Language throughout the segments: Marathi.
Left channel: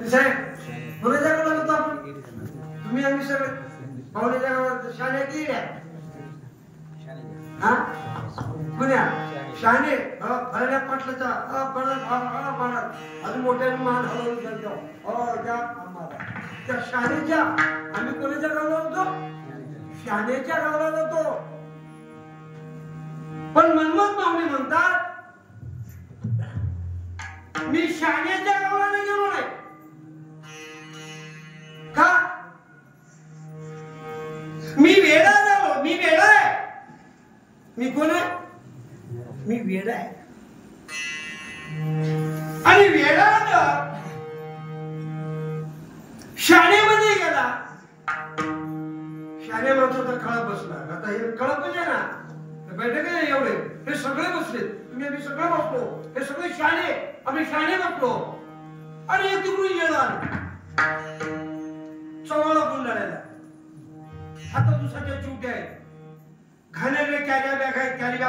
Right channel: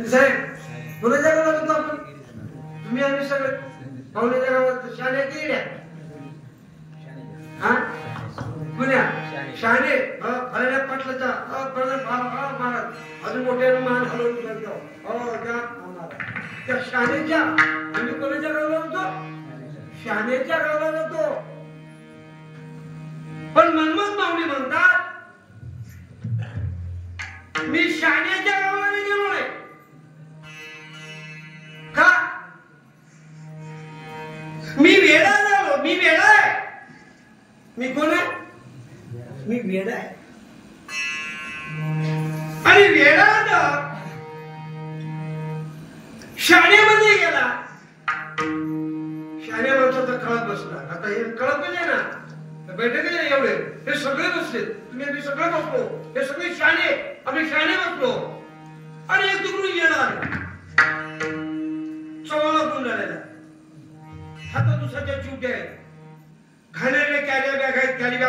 साहेब कोणाच्या गावाला होतो आपण? तुम्ही आम्ही सगळे पाहुण्याच्या गावात शाळेत गेल्या हा पुण्या शाणे फळ्या पाटलाचा अजून मोठ्या मान हलवून करतो हो त्या शाळेच्या आम्ही कोणाच्या गावाला होतो? शाळेच्या गावाला होतो. पण मनमत मावणी म्हणतात मी शाळेच्या गावाला गेलो नाही का? मी वेडा झालो. मी वेडा आहे. मी कोण आहे? मी वेडा आहे. आणि वेडा शाळेमध्ये गेला. शाळे माणसाचा कळत बसला. आता हे कळत म्हणजे ना बैठक एवढे हे सगळे बसले. तुम्ही आम्ही सगळं बसलो. हे सगळे शाळे आम्ही शाळे बसलो. आणि एक तिकडून येणार चवाला गुंडाळायला हातात दुसऱ्याच्या चिवट्या आहेत. घाणेरडे कॅरी बॅग आहेत. कॅरी बॅग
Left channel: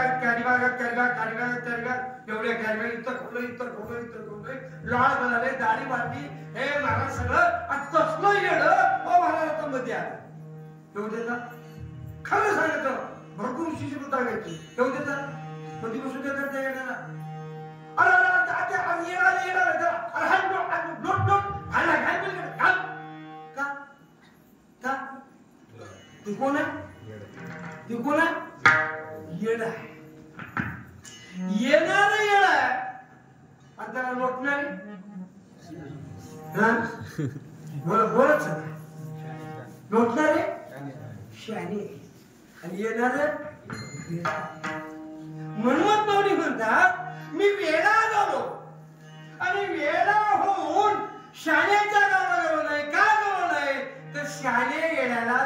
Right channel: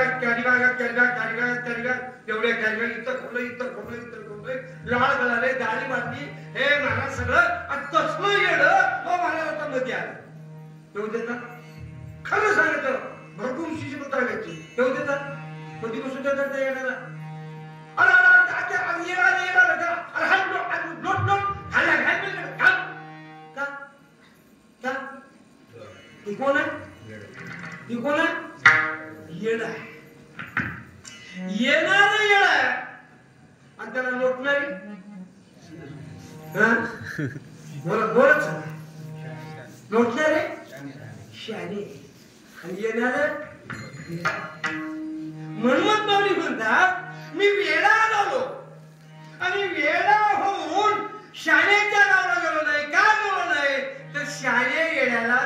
एवढे कॅरी बॅग इथं खोबलं लाळ गळाले दाढी बांधली हे महाराज सगळं तसलं येणं महाराजांच्या मध्ये आलं. येऊ देतात खरं सांगायचं भरपूर शिष्य सांगायची येऊ देतात कधी बसून देतात त्या येणारा ती कोण आहे? ती कोण आहे? येड आहे. येणार येड आहे आणि त्याला लोटणार बोलच लोटणारे शाने आणि येणार मनमत मावणी म्हणतात मी वेडा झालो आणि वेडा होऊन शाळेच्या गावाला गेलो नाही. का गेलो नाही तर शाळे येण्याला